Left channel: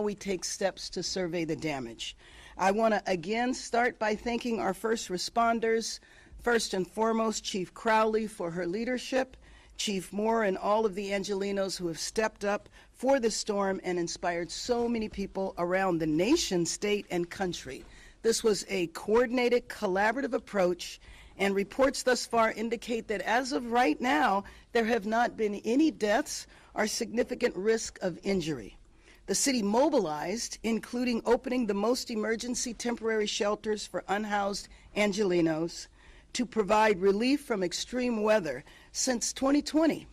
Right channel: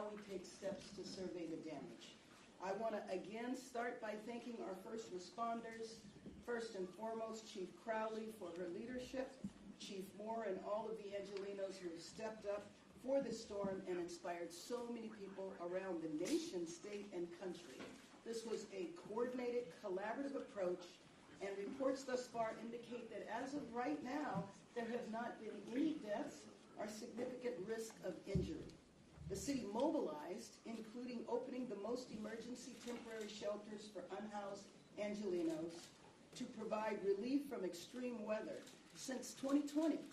we take steps to survey the damage. I want to again start by thanking our first responders, first and foremost Chief Crowley for her leadership, Chief Moore and all of the Angelenos who have stepped up for the storm and inspired so many people around the nation, state, and country. This was a coordinated, collaborative approach, and reports thus far indicate that as of right now, there have not been any deaths or significant risk of injury. The city mobilized, including opening the most emergency temporary shelters for unhoused Angelenos to provide relief from extreme weather since 2020,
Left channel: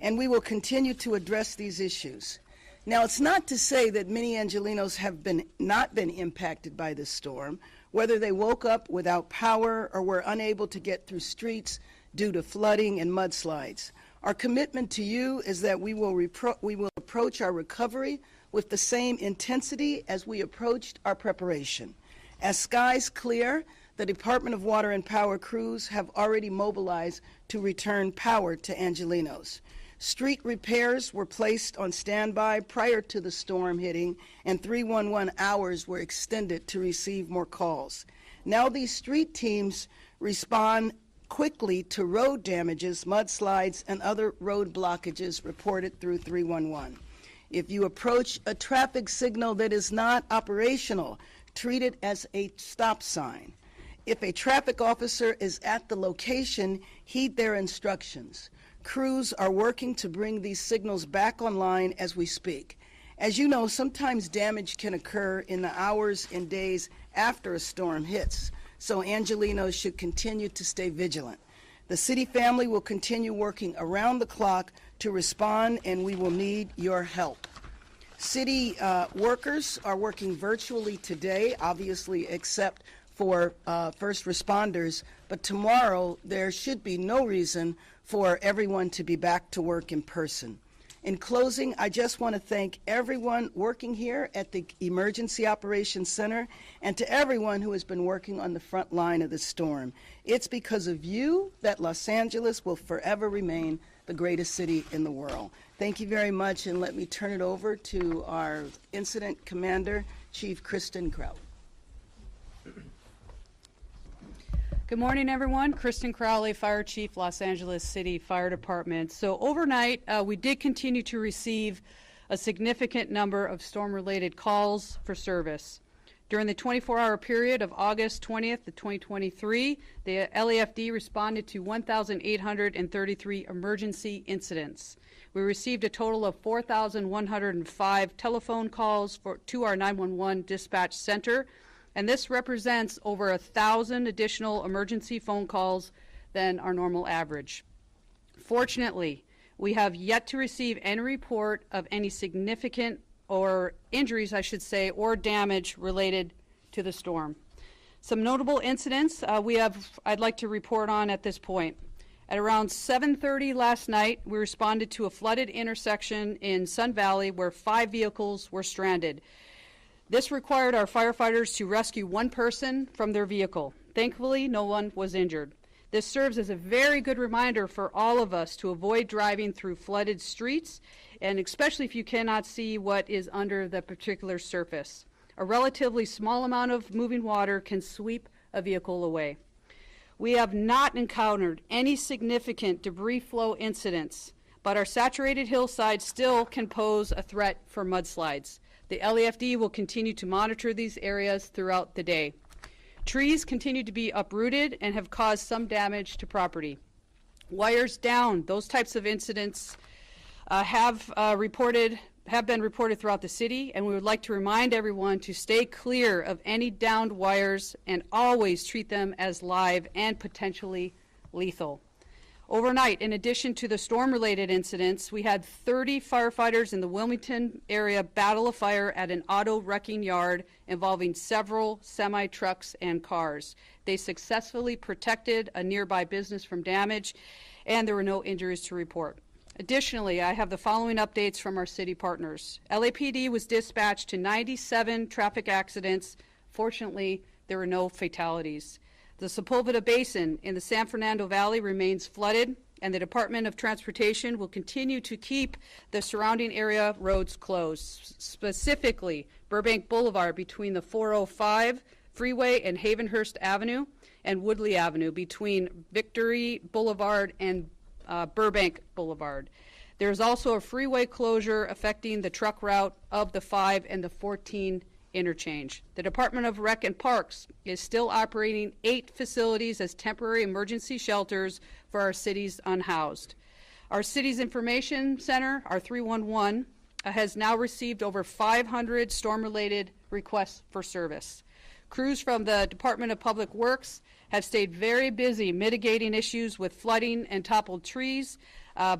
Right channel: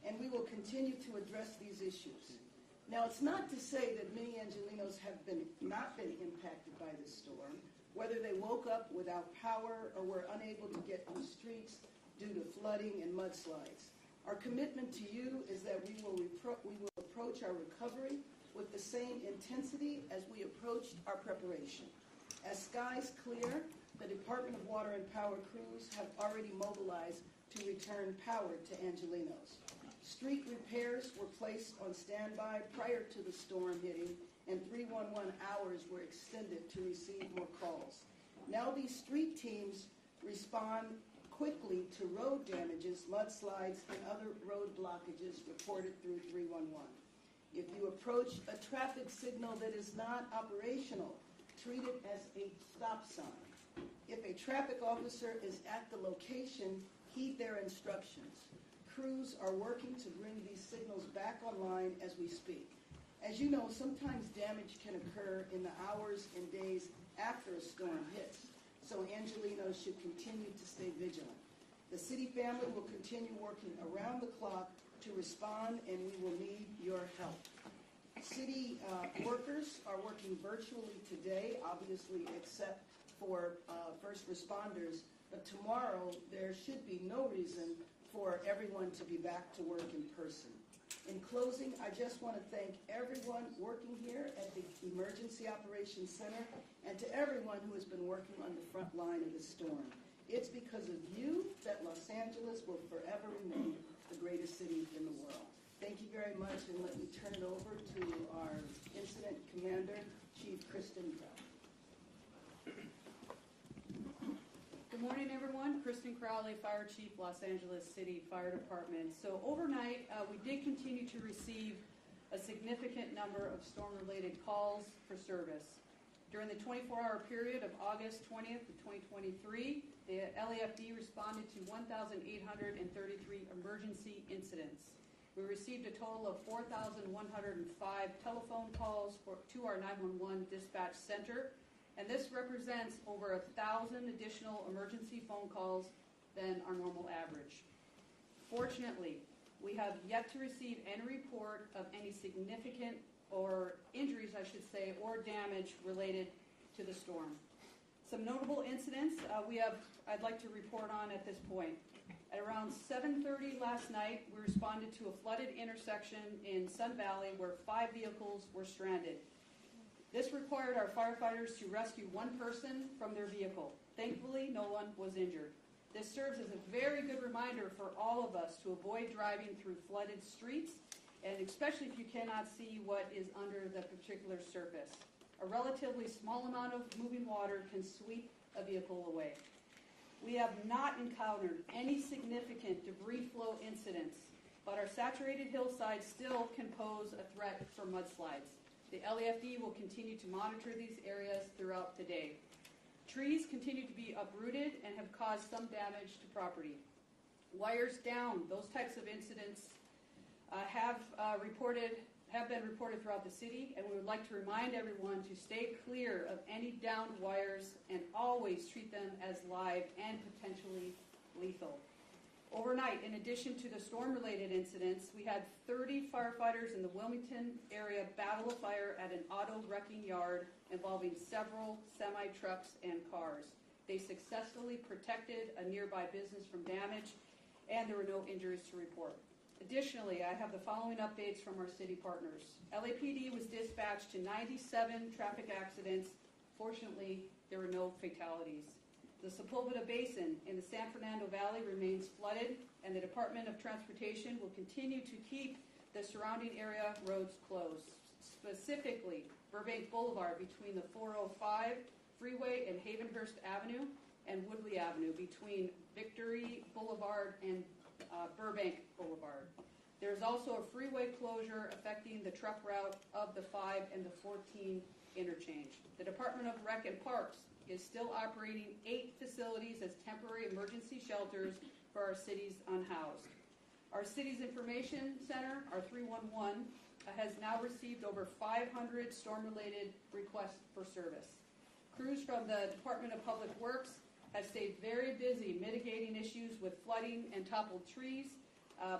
and we will continue to address these issues. Now, it's not to say that many Angelenos have not been impacted by this storm, whether they woke up without power or were unable to get through streets due to flooding and mudslides. Our commitment to you is that we will approach our recovery with the same intensity as we approached our preparation. As skies clear, the Department of Water and Power crews have already mobilized to return power to Angelenos. Street repairs were placed on standby prior to the storm hitting, and 311 hours were extended to receive more calls. Now these street teams respond quickly to road damages, mudslides, and other road blockages reported through 311. If you approach a traffic signal that is not operational, treat it as a stop sign. If a traffic officer is at the location, heed their instructions. Crews are working to bring these signals back online as we speak. As you know, sometimes damage can occur in the hours and days after a storm hits, so Angelenos should continue to stay vigilant. The city family will continue working around the clock to respond, and we will need your help. City workers are working virtually today, obviously except for first responders, but tomorrow there should be no reason for everyone to be back to work in person. In closing, I just want to thank everyone working here at the Emergency Operations Center and to everyone who has been working on the front line of the storm. It's because of you that Los Angeles will forever remain the greatest city in the world. Thank you very much, and let me turn it over to our Incident Commander, Chief Kristen Crowley. Good morning, everyone. Kristen Crowley, Fire Chief, Los Angeles City Fire Department. So overnight, we did continue to receive a significant number of storm-related calls for service. During the 24-hour period of August 20th to 2023, the LAFD responded to 1,833 emergency incidents. We received a total of 4,105 telephone calls to our 911 dispatch center, and this represents over 1,000 additional emergency phone calls than our normal average. Fortunately, we have yet to receive any report of any significant or injuries, I should say, or damage related to the storm. Some notable incidents I'd like to report on at this point. At around 7:30 last night, we responded to a flooded intersection in Sun Valley where 5 vehicles were stranded. This required our firefighters to rescue one person from their vehicle. Thankfully, no one was injured. This serves as a very good reminder for all of us to avoid driving through flooded streets, and especially if you cannot see what is under the particular surface. A relatively small amount of moving water can sweep a vehicle away. We have not encountered any significant debris flow incidents, but our saturated hillsides still can pose a threat for mudslides. The LAFD will continue to monitor these areas throughout the day. Trees continue to be uprooted and have caused some damage to property. Wires down, those types of incidents have been reported throughout the city, and we would like to remind everyone to stay clear of any downed wires and always treat them as live and potentially lethal. Overnight, in addition to the storm-related incidents, we had 30 firefighters in the Wilmington area battle a fire at an auto wrecking yard involving several semi-trucks and cars. They successfully protected a nearby business from damage, and there were no injuries to report. Additionally, I have the following updates from our city partners. LAPD was dispatched to 97 traffic accidents. Fortunately, there were no fatalities. The Sepulveda Basin in the San Fernando Valley remains flooded. and the Department of Transportation will continue to keep the surrounding area roads closed, specifically Burbank Boulevard between the 405 freeway and Havenhurst Avenue, and Woodley Avenue between Victory Boulevard and Burbank Boulevard. There's also a freeway closure affecting the truck route of the 5 and the 14 interchange. The Department of Rec and Parks is still operating 8 facilities as temporary emergency shelters for our city's unhoused. Our city's information center, our 311, has now received over 500 storm-related requests for service. Crews from the Department of Public Works have stayed very busy mitigating issues with flooding and toppled trees,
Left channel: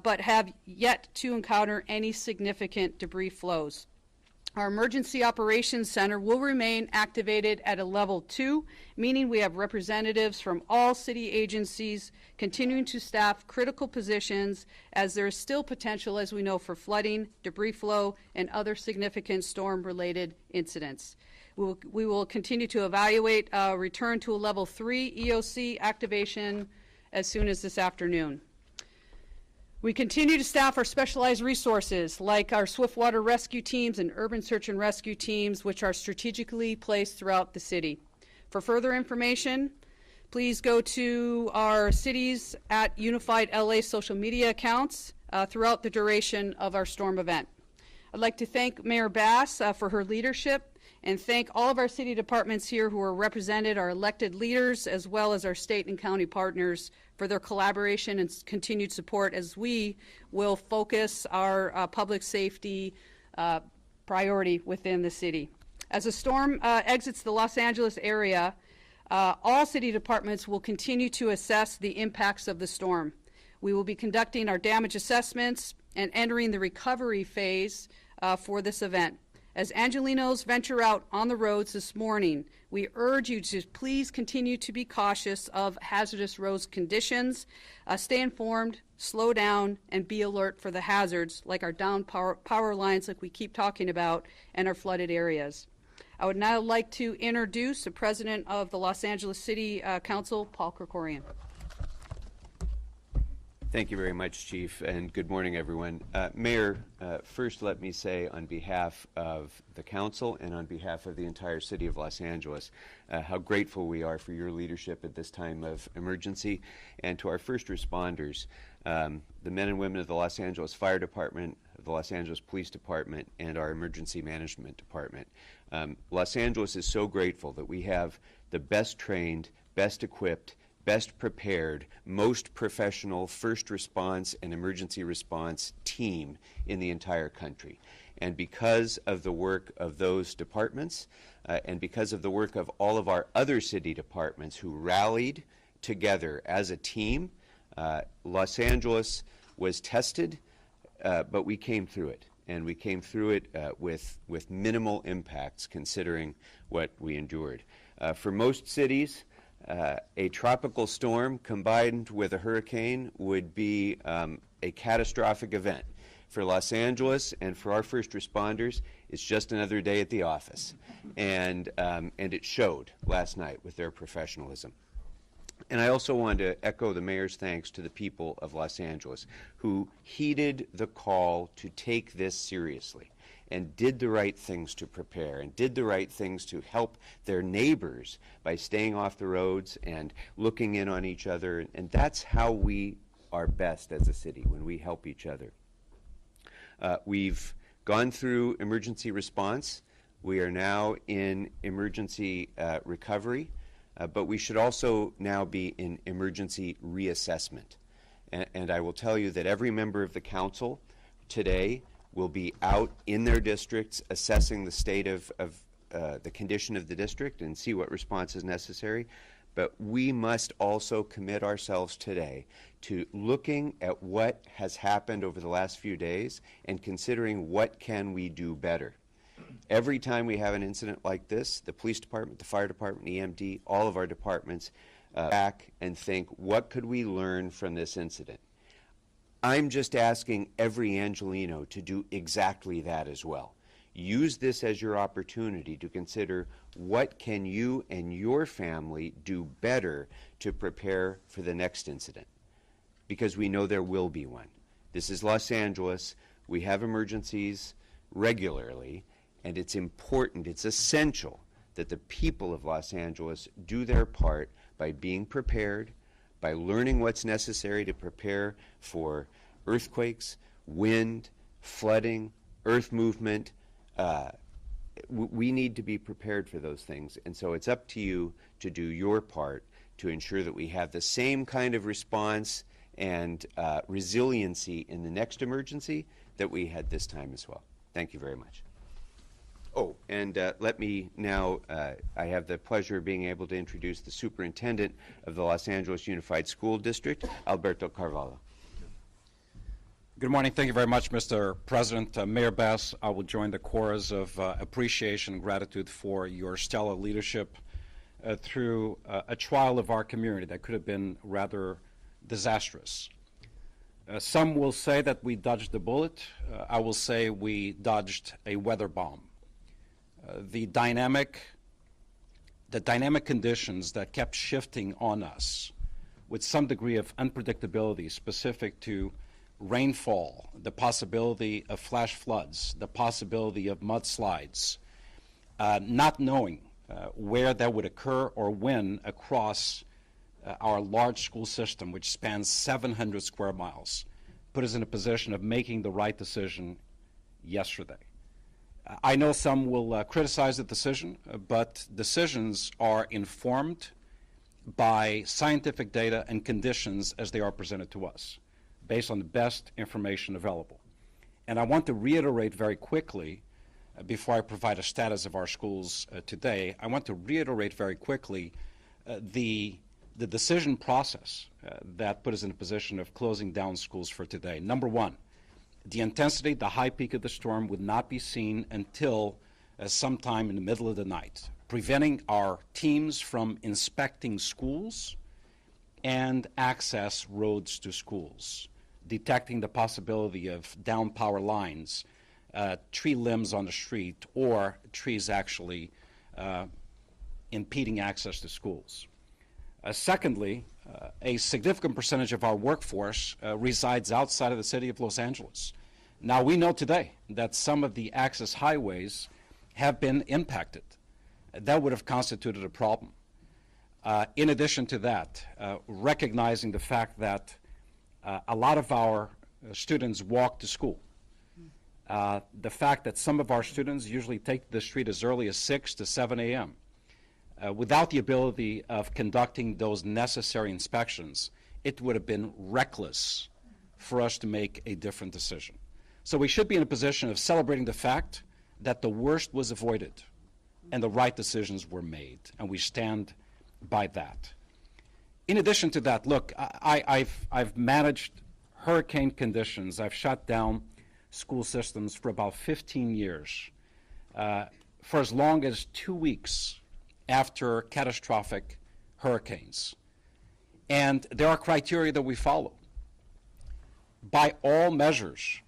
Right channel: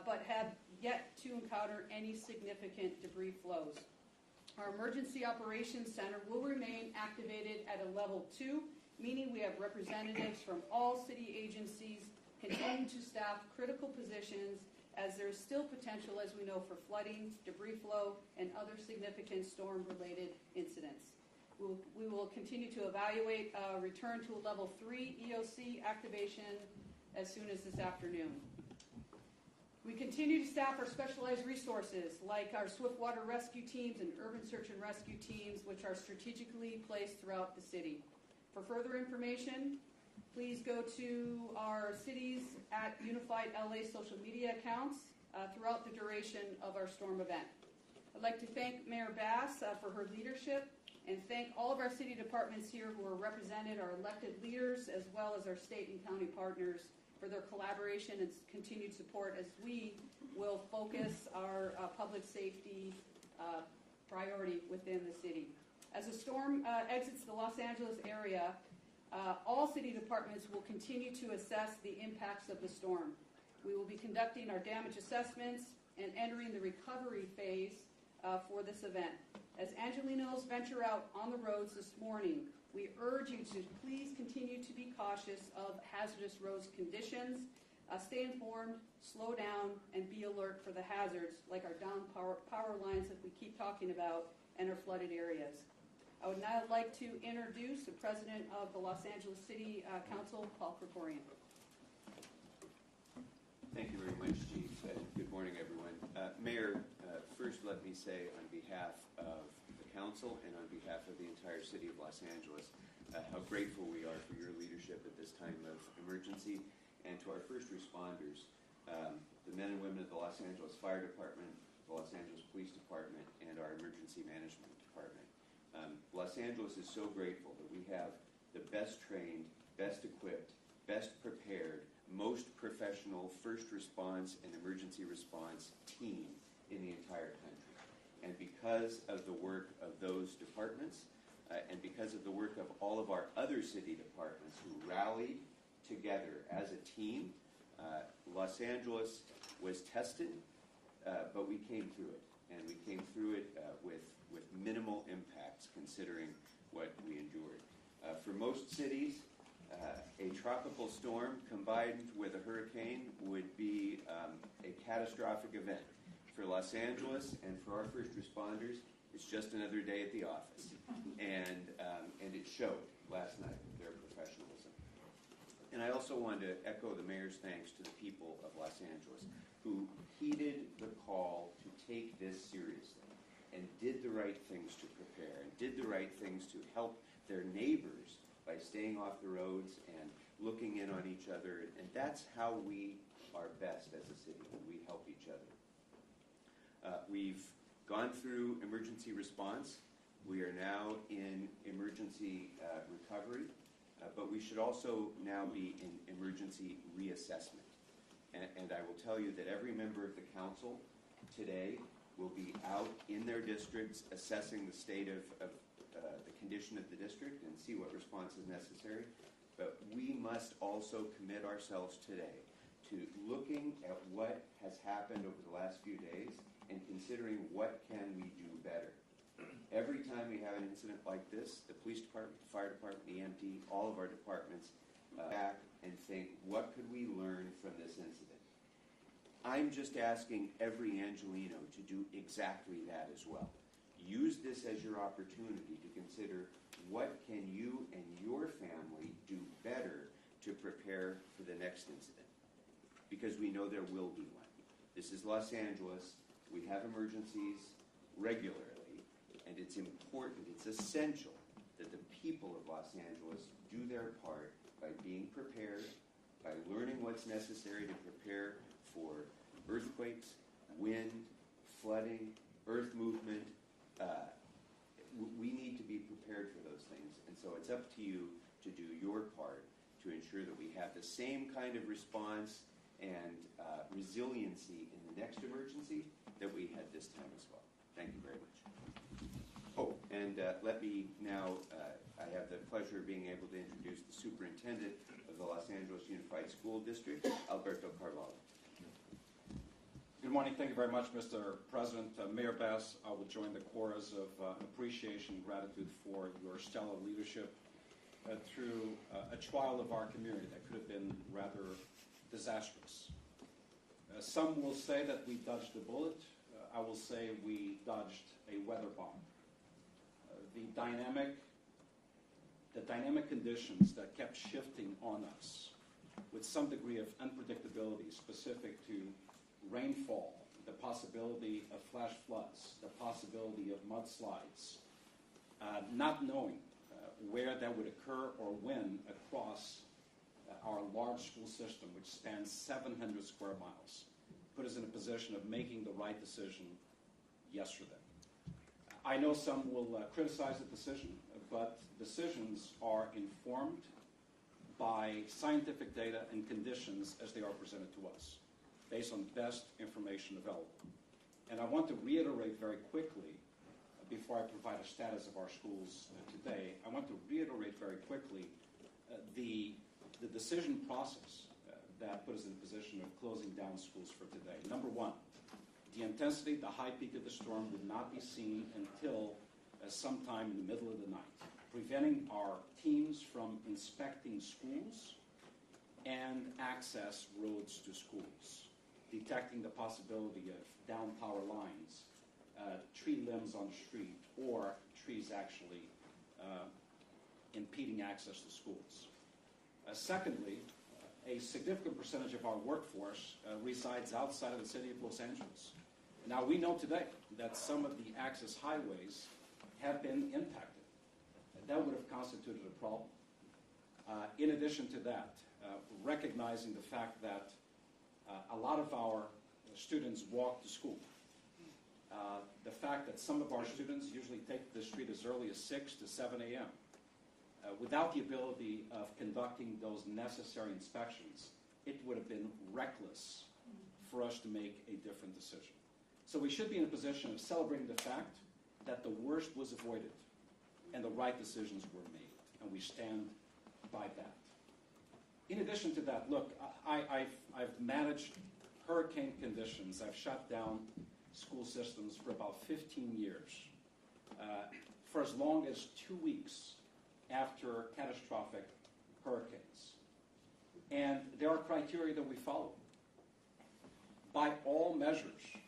but have yet to encounter any significant debris flows. Our Emergency Operations Center will remain activated at a level 2, meaning we have representatives from all city agencies continuing to staff critical positions, as there is still potential, as we know, for flooding, debris flow, and other significant storm-related incidents. We will continue to evaluate return to a level 3 EOC activation as soon as this afternoon. We continue to staff our specialized resources like our swiftwater rescue teams and urban search and rescue teams, which are strategically placed throughout the city. For further information, please go to our Cities at Unified LA social media accounts throughout the duration of our storm event. I'd like to thank Mayor Bass for her leadership, and thank all of our city departments here who are represented, our elected leaders, as well as our state and county partners for their collaboration and continued support as we will focus our public safety priority within the city. As the storm exits the Los Angeles area, all city departments will continue to assess the impacts of the storm. We will be conducting our damage assessments and entering the recovery phase for this event. As Angelinos venture out on the roads this morning, we urge you to please continue to be cautious of hazardous road conditions, stay informed, slow down, and be alert for the hazards like our down power lines like we keep talking about and our flooded areas. I would now like to introduce the President of the Los Angeles City Council, Paul Krikorian. Thank you very much, Chief, and good morning, everyone. Mayor, first let me say on behalf of the Council and on behalf of the entire City of Los Angeles how grateful we are for your leadership at this time of emergency, and to our first responders, the men and women of the Los Angeles Fire Department, the Los Angeles Police Department, and our Emergency Management Department. Los Angeles is so grateful that we have the best trained, best equipped, best prepared, most professional first response and emergency response team in the entire country. And because of the work of those departments, and because of the work of all of our other city departments who rallied together as a team, Los Angeles was tested, but we came through it. And we came through it with minimal impacts considering what we endured. For most cities, a tropical storm combined with a hurricane would be a catastrophic event. For Los Angeles and for our first responders, it's just another day at the office. And it showed last night with their professionalism. And I also want to echo the mayor's thanks to the people of Los Angeles who heeded the call to take this seriously and did the right things to prepare and did the right things to help their neighbors by staying off the roads and looking in on each other. And that's how we are best as a city, when we help each other. We've gone through emergency response. We are now in emergency recovery, but we should also now be in emergency reassessment. And I will tell you that every member of the council today will be out in their districts assessing the state of the condition of the district and see what response is necessary. But we must also commit ourselves today to looking at what has happened over the last few days and considering what can we do better. Every time we have an incident like this, the police department, the fire department, EMD, all of our departments back and think, what could we learn from this incident? I'm just asking every Angelino to do exactly that as well. Use this as your opportunity to consider what can you and your family do better to prepare for the next incident. because we know there will be one. This is Los Angeles. We have emergencies regularly, and it's important, it's essential that the people of Los Angeles do their part by being prepared, by learning what's necessary to prepare for earthquakes, wind, flooding, earth movement. We need to be prepared for those things, and so it's up to you to do your part to ensure that we have the same kind of response and resiliency in the next emergency that we had this time as well. Thank you very much. Oh, and let me now, I have the pleasure of being able to introduce the superintendent of the Los Angeles Unified School District, Alberto Carvalho. Good morning. Thank you very much, Mr. President. Mayor Bass, I will join the chorus of appreciation and gratitude for your stellar leadership through a trial of our community that could have been rather disastrous. Some will say that we dodged a bullet. I will say we dodged a weather bomb. The dynamic conditions that kept shifting on us with some degree of unpredictability specific to rainfall, the possibility of flash floods, the possibility of mudslides, not knowing where that would occur or when across our large school system, which spans 700 square miles, put us in a position of making the right decision yesterday. I know some will criticize the decision, but decisions are informed by scientific data and conditions as they are presented to us, based on the best information available. And I want to reiterate very quickly, before I provide a status of our schools today, I want to reiterate very quickly the decision process that put us in a position of closing down schools for today. Number one, the intensity, the high peak of the storm would not be seen until sometime in the middle of the night, preventing our teams from inspecting schools and access roads to schools, detecting the possibility of down power lines, tree limbs on the street, or trees actually impeding access to schools. Secondly, a significant percentage of our workforce resides outside of the city of Los Angeles. Now, we know today that some of the access highways have been impacted. That would have constituted a problem. In addition to that, recognizing the fact that a lot of our students walk to school, the fact that some of our students usually take the street as early as 6 to 7 a.m., without the ability of conducting those necessary inspections, it would have been reckless for us to make a different decision. So we should be in a position of celebrating the fact that the worst was avoided and the right decisions were made, and we stand by that. In addition to that, look, I've managed hurricane conditions. I've shut down school systems for about 15 years, for as long as 2 weeks after catastrophic hurricanes. And there are criteria that we follow. By all measures,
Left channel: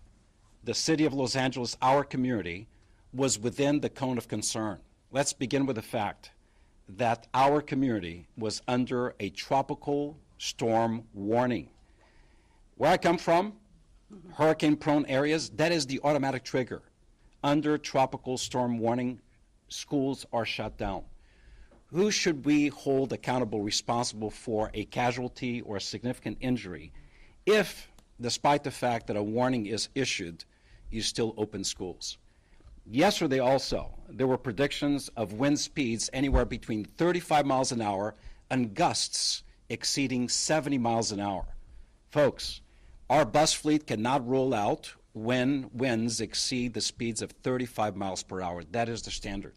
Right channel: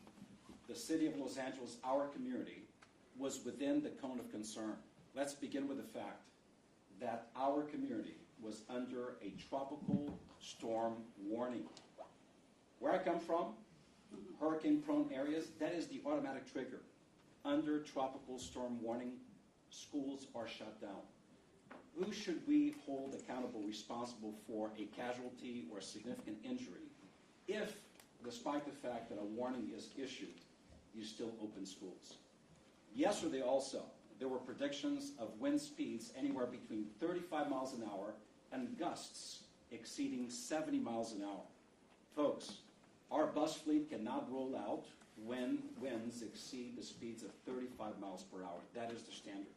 the city of Los Angeles, our community, was within the cone of concern. Let's begin with the fact that our community was under a tropical storm warning. Where I come from, hurricane-prone areas, that is the automatic trigger. Under tropical storm warning, schools are shut down. Who should we hold accountable, responsible for a casualty or a significant injury if, despite the fact that a warning is issued, you still open schools? Yesterday also, there were predictions of wind speeds anywhere between 35 miles an hour and gusts exceeding 70 miles an hour. Folks, our bus fleet cannot roll out when winds exceed the speeds of 35 miles per hour. That is the standard.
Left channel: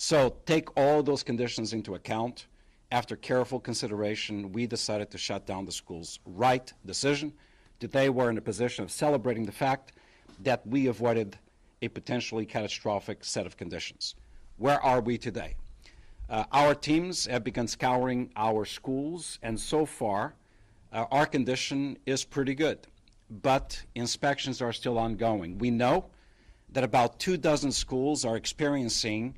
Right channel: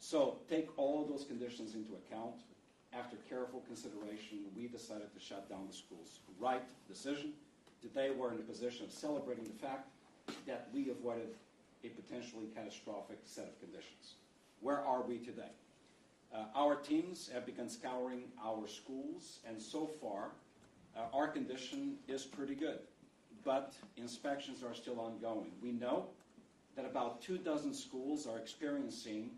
So take all those conditions into account. After careful consideration, we decided to shut down the schools. Right decision. Today we're in a position of celebrating the fact that we avoided a potentially catastrophic set of conditions. Where are we today? Our teams have begun scouring our schools, and so far our condition is pretty good, but inspections are still ongoing. We know that about 24 schools are experiencing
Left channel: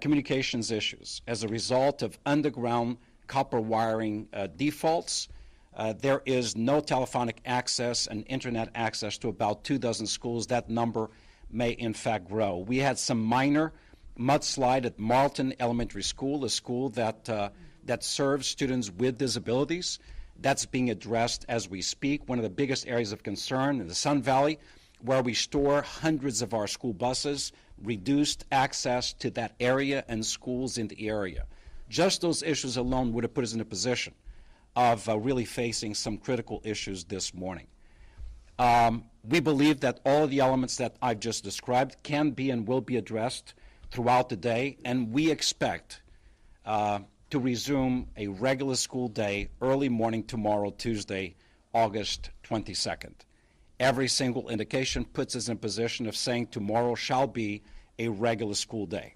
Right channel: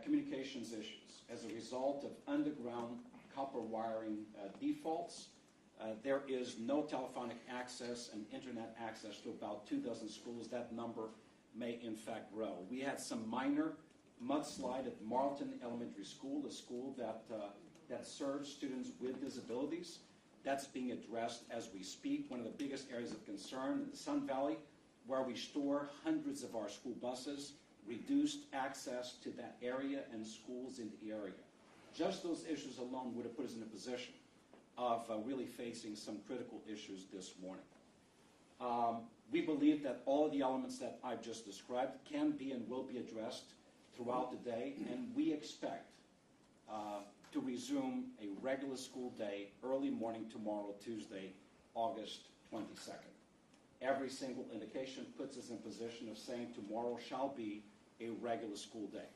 communications issues as a result of underground copper wiring defaults, There is no telephonic access and internet access to about 24 schools. That number may in fact grow. We had some minor mudslide at Marlton Elementary School, a school that serves students with disabilities. That's being addressed as we speak. One of the biggest areas of concern in the Sun Valley, where we store hundreds of our school buses, reduced access to that area and schools in the area. Just those issues alone would have put us in a position of really facing some critical issues this morning. We believe that all of the elements that I've just described can be and will be addressed throughout the day, and we expect to resume a regular school day early morning tomorrow, Tuesday, August 22nd. Every single indication puts us in a position of saying tomorrow shall be a regular school day.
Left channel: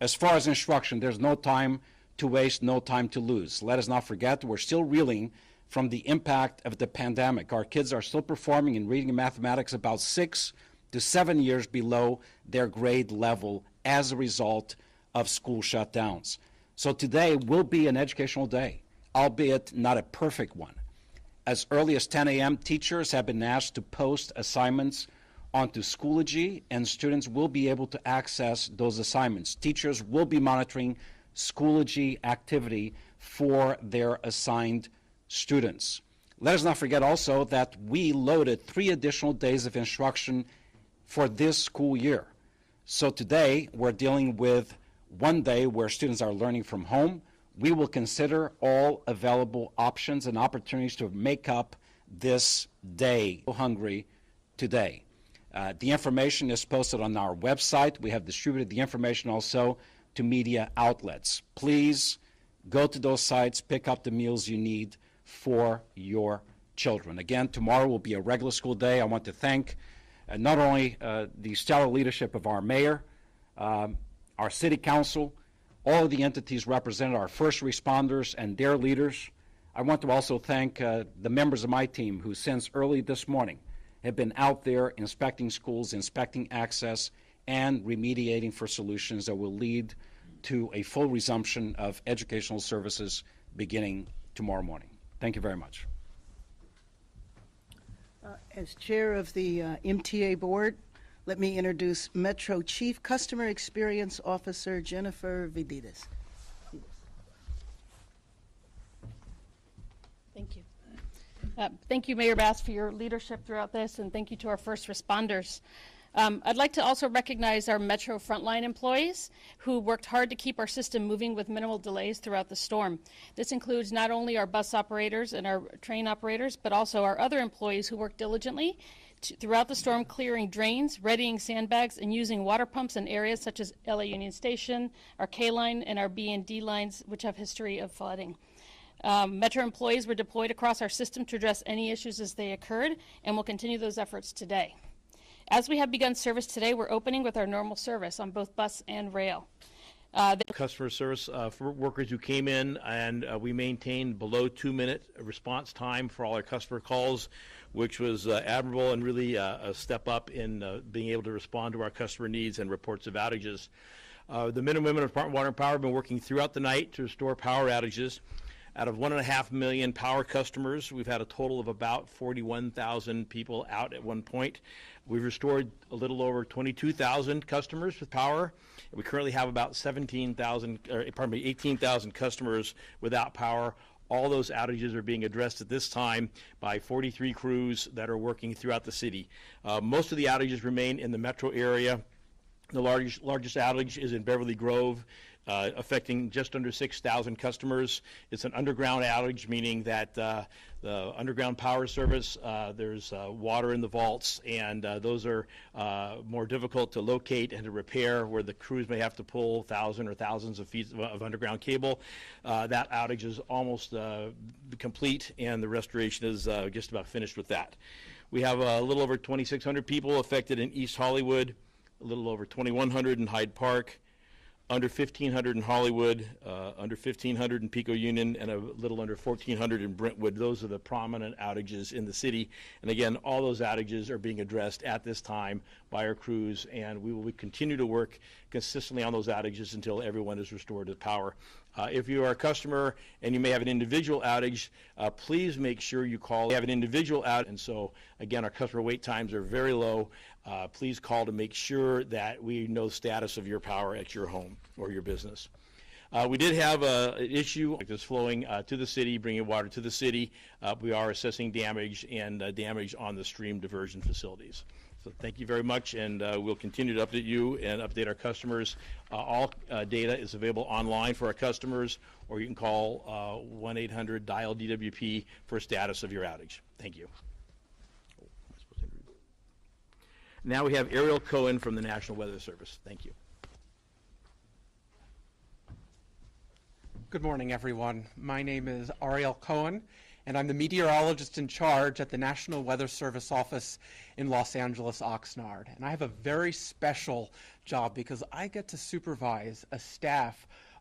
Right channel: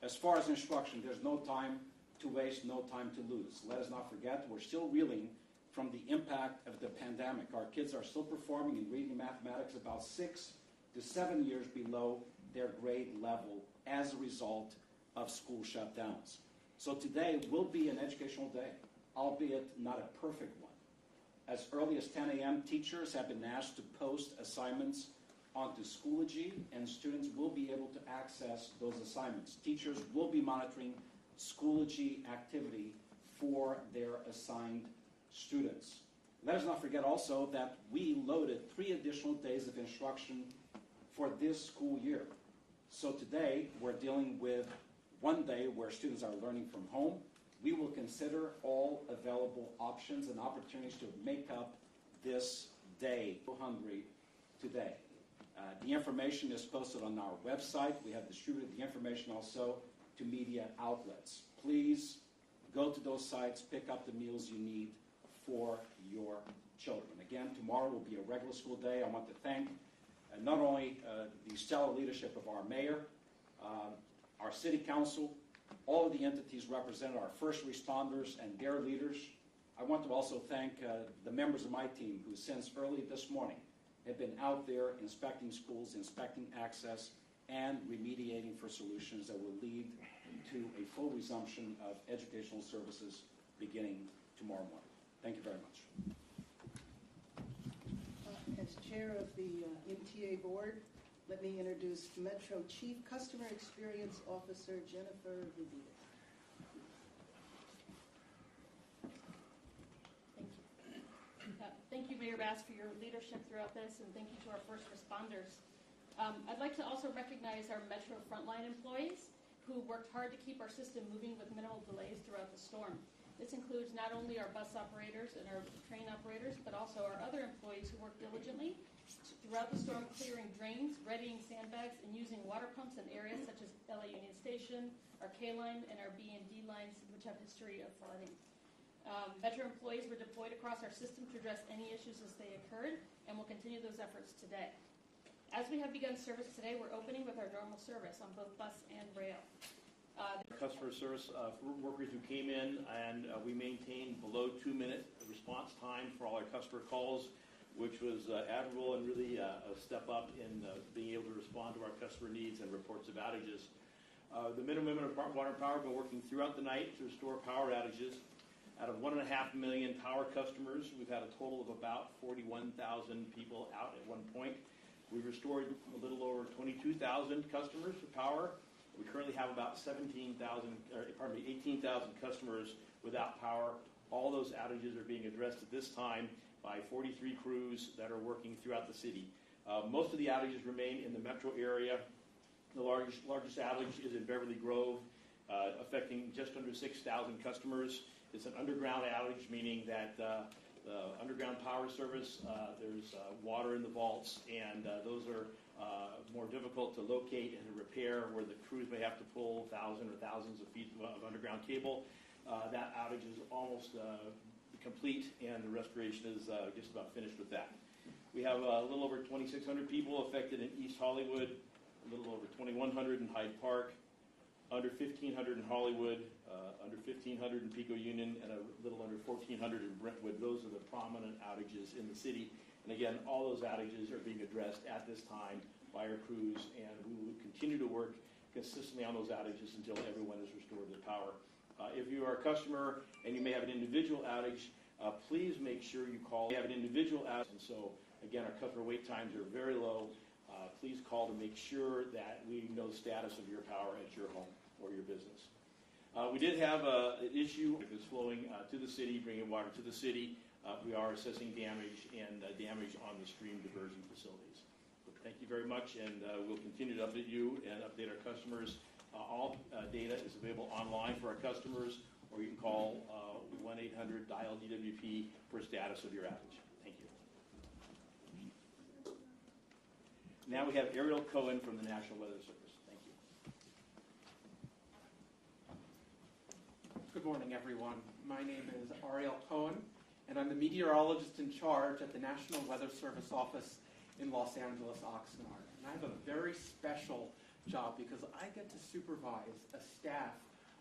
As far as instruction, there's no time to waste, no time to lose. Let us not forget we're still reeling from the impact of the pandemic. Our kids are still performing in reading and mathematics about 6 to 7 years below their grade level as a result of school shutdowns. So today will be an educational day, albeit not a perfect one. As early as 10 a.m., teachers have been asked to post assignments onto Schoology, and students will be able to access those assignments. Teachers will be monitoring Schoology activity for their assigned students. Let us not forget also that we loaded 3 additional days of instruction for this school year. So today we're dealing with 1 day where students are learning from home. We will consider all available options and opportunities to make up this day. Hungry today. The information is posted on our website. We have distributed the information also to media outlets. Please go to those sites, pick up the meals you need for your children. Again, tomorrow will be a regular school day. I want to thank not only the stellar leadership of our mayor, our city council, all of the entities represented, our first responders and their leaders. I want to also thank the members of my team who since early this morning have been out there inspecting schools, inspecting access, and remediating for solutions that will lead to a full resumption of educational services beginning tomorrow morning. Thank you very much. As chair of the MTA board, let me introduce Metro Chief Customer Experience Officer Jennifer Vidides. Thank you. Thank you, Mayor Bass, for your leadership throughout this, and thank you to our first responders. I'd like to also recognize our Metro frontline employees who worked hard to keep our system moving with minimal delays throughout the storm. This includes not only our bus operators and our train operators, but also our other employees who worked diligently throughout the storm, clearing drains, readying sandbags, and using water pumps in areas such as LA Union Station, our K-line, and our B and D lines, which have history of flooding. Metro employees were deployed across our system to address any issues as they occurred, and will continue those efforts today. As we have begun service today, we're opening with our normal service on both bus and rail. Customer service for workers who came in, and we maintained below 2-minute response time for all our customer calls, which was admirable and really a step up in being able to respond to our customer needs and reports of outages. The men and women of Department of Water and Power have been working throughout the night to restore power outages. Out of 1.5 million power customers, we've had a total of about 41,000 people out at one point. We've restored a little over 22,000 customers with power. We currently have about 18,000 customers without power. All those outages are being addressed at this time by 43 crews that are working throughout the city. Most of the outages remain in the metro area. The largest outage is in Beverly Grove, affecting just under 6,000 customers. It's an underground outage, meaning that the underground power service, there's water in the vaults, and those are more difficult to locate and to repair, where the crews may have to pull thousands or thousands of feet of underground cable. That outage is almost complete, and the restoration is just about finished with that. We have a little over 2,600 people affected in East Hollywood, a little over 2,100 in Hyde Park, under 1,500 in Hollywood, under 1,500 in Pico Union, and a little under 1,400 in Brentwood. Those are the prominent outages in the city. And again, all those outages are being addressed at this time by our crews, and we will continue to work consistently on those outages until everyone is restored to power. If you are a customer and you may have an individual outage, please make sure you call. We have an individual outage, and so again, our customer wait times are very low. Please call to make sure that we know the status of your power at your home or your business. We did have an issue that's flowing to the city, bringing water to the city. We are assessing damage and damage on the stream diversion facilities. So thank you very much, and we'll continue to update you and update our customers. All data is available online for our customers, or you can call 1-800-DIAL-DWP for status of your outage. Thank you. Now we have Ariel Cohen from the National Weather Service. Thank you. Good morning, everyone. My name is Ariel Cohen, and I'm the meteorologist in charge at the National Weather Service office in Los Angeles, Oxnard. And I have a very special job because I get to supervise a staff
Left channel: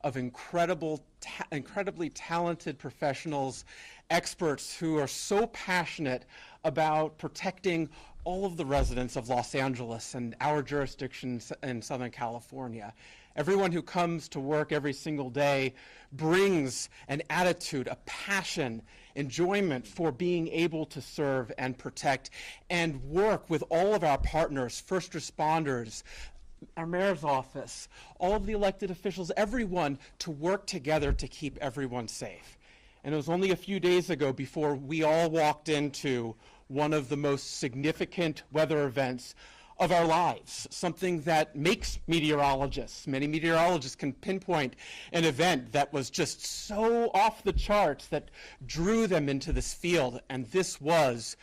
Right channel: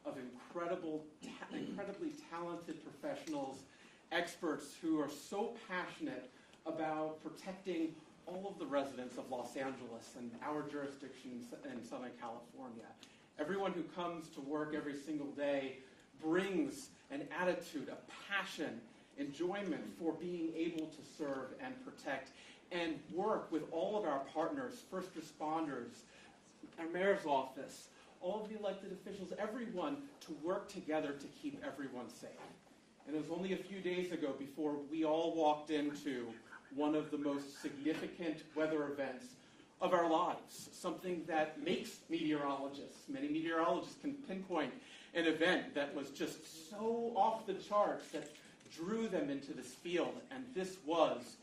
of incredibly talented professionals, experts who are so passionate about protecting all of the residents of Los Angeles and our jurisdictions in Southern California. Everyone who comes to work every single day brings an attitude, a passion, enjoyment for being able to serve and protect and work with all of our partners, first responders, our mayor's office, all of the elected officials, everyone to work together to keep everyone safe. And it was only a few days ago before we all walked into one of the most significant weather events of our lives, something that makes meteorologists. Many meteorologists can pinpoint an event that was just so off the charts that drew them into this field, and this was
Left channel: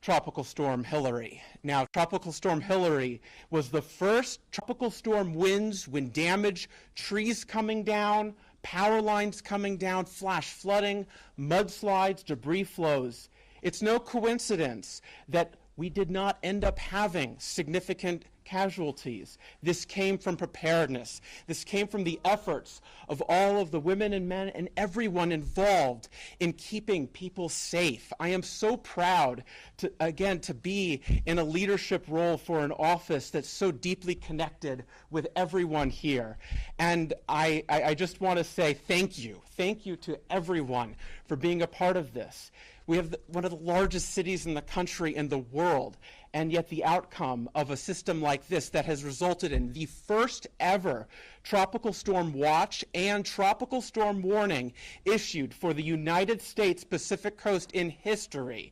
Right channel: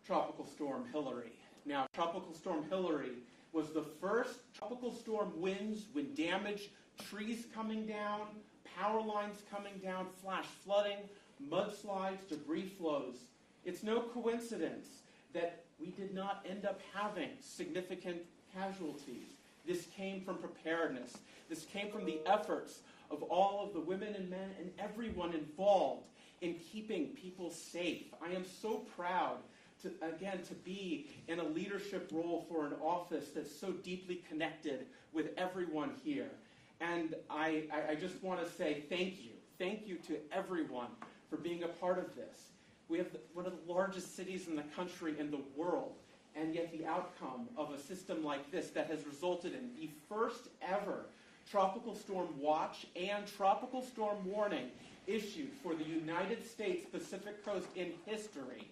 Tropical Storm Hilary. Now, Tropical Storm Hilary was the first tropical storm winds, wind damage, trees coming down, power lines coming down, flash flooding, mudslides, debris flows. It's no coincidence that we did not end up having significant casualties. This came from preparedness. This came from the efforts of all of the women and men and everyone involved in keeping people safe. I am so proud to be in a leadership role for an office that's so deeply connected with everyone here. And I just want to say thank you. Thank you to everyone for being a part of this. We have one of the largest cities in the country and the world, and yet the outcome of a system like this that has resulted in the first ever tropical storm watch and tropical storm warning issued for the United States Pacific Coast in history.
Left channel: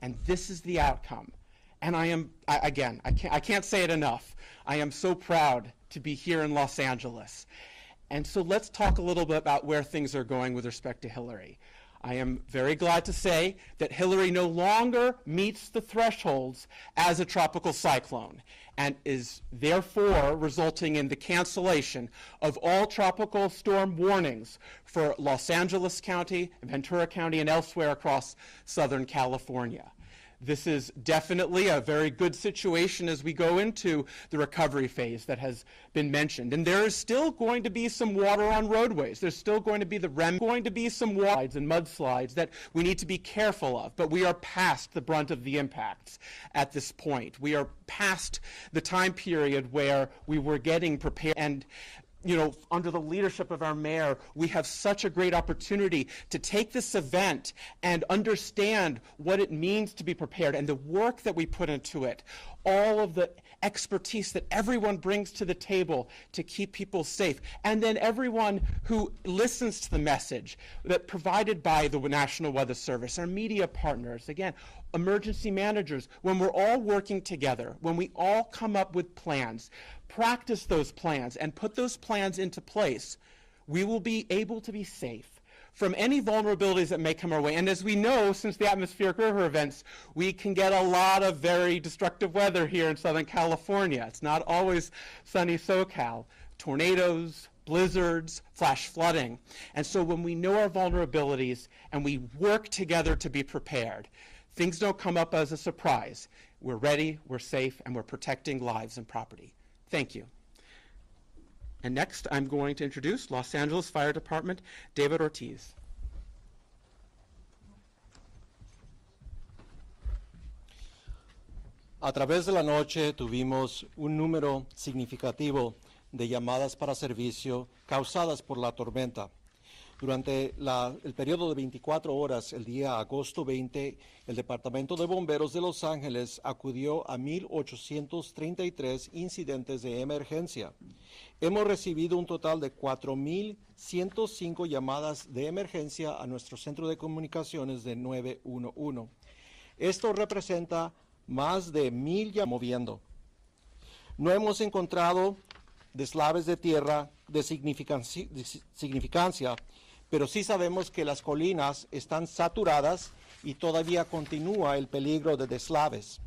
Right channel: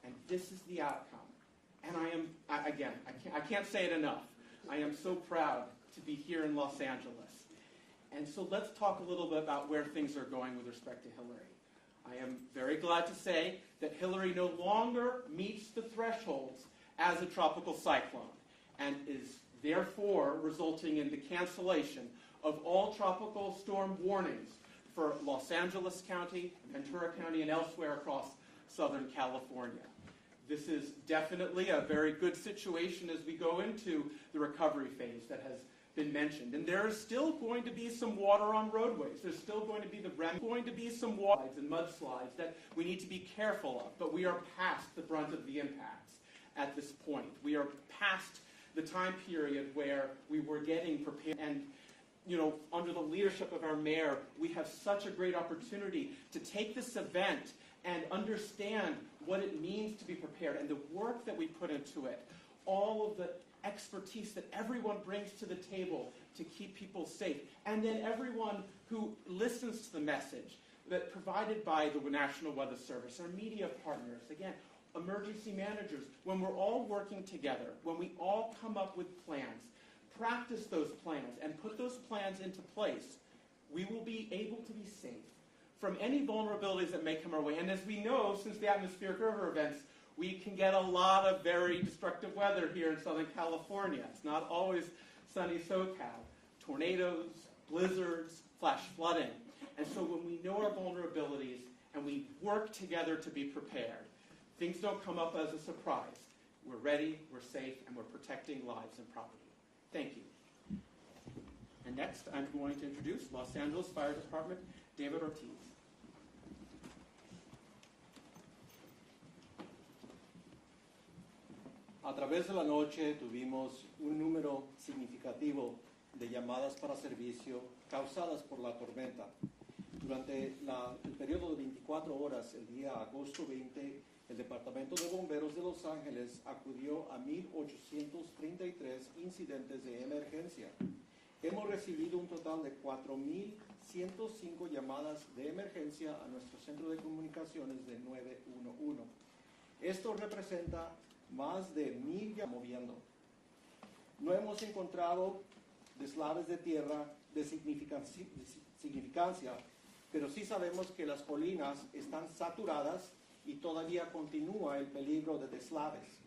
And this is the outcome. And I can't say it enough. I am so proud to be here in Los Angeles. And so let's talk a little bit about where things are going with respect to Hilary. I am very glad to say that Hilary no longer meets the thresholds as a tropical cyclone and is therefore resulting in the cancellation of all tropical storm warnings for Los Angeles County, Ventura County, and elsewhere across Southern California. This is definitely a very good situation as we go into the recovery phase that has been mentioned. And there is still going to be some water on roadways. There's still going to be some slides and mudslides that we need to be careful of. But we are past the brunt of the impacts at this point. We are past the time period where we were getting prepared. And under the leadership of our mayor, we have such a great opportunity to take this event and understand what it means to be prepared and the work that we put into it, all of the expertise that everyone brings to the table to keep people safe, and then everyone who listens to the message that provided by the National Weather Service, our media partners, again, emergency managers, when we're all working together, when we all come up with plans, practice those plans and put those plans into place, we will be able to be safe from any vulnerabilities that may come our way. And as we know, since the atmospheric river events, we can get a lot of very destructive weather here in Southern California. It's not always sunny SoCal. Tornadoes, blizzards, flash flooding. And so when we know our vulnerabilities and we work together to be prepared, things don't come up as a surprise. We're ready, we're safe, and we're protecting lives and property. Thank you. And next, I'm going to introduce Los Angeles Fire Department, David Ortiz. A través de la noche tuvimos un número significativo de llamadas para servicio causadas por la tormenta. Durante el periodo de 24 horas, el día agosto 20, el Departamento de Bomberos de Los Ángeles acudió a 1,833 incidentes de emergencia. Hemos recibido un total de 4,105 llamadas de emergencia a nuestro centro de comunicaciones de 911. Esto representa más de 1,000 llamadas moviendo. No hemos encontrado deslaves de tierra de significancia, pero sí sabemos que las colinas están saturadas y todavía continúa el peligro de deslaves.